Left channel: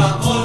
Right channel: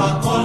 Papa.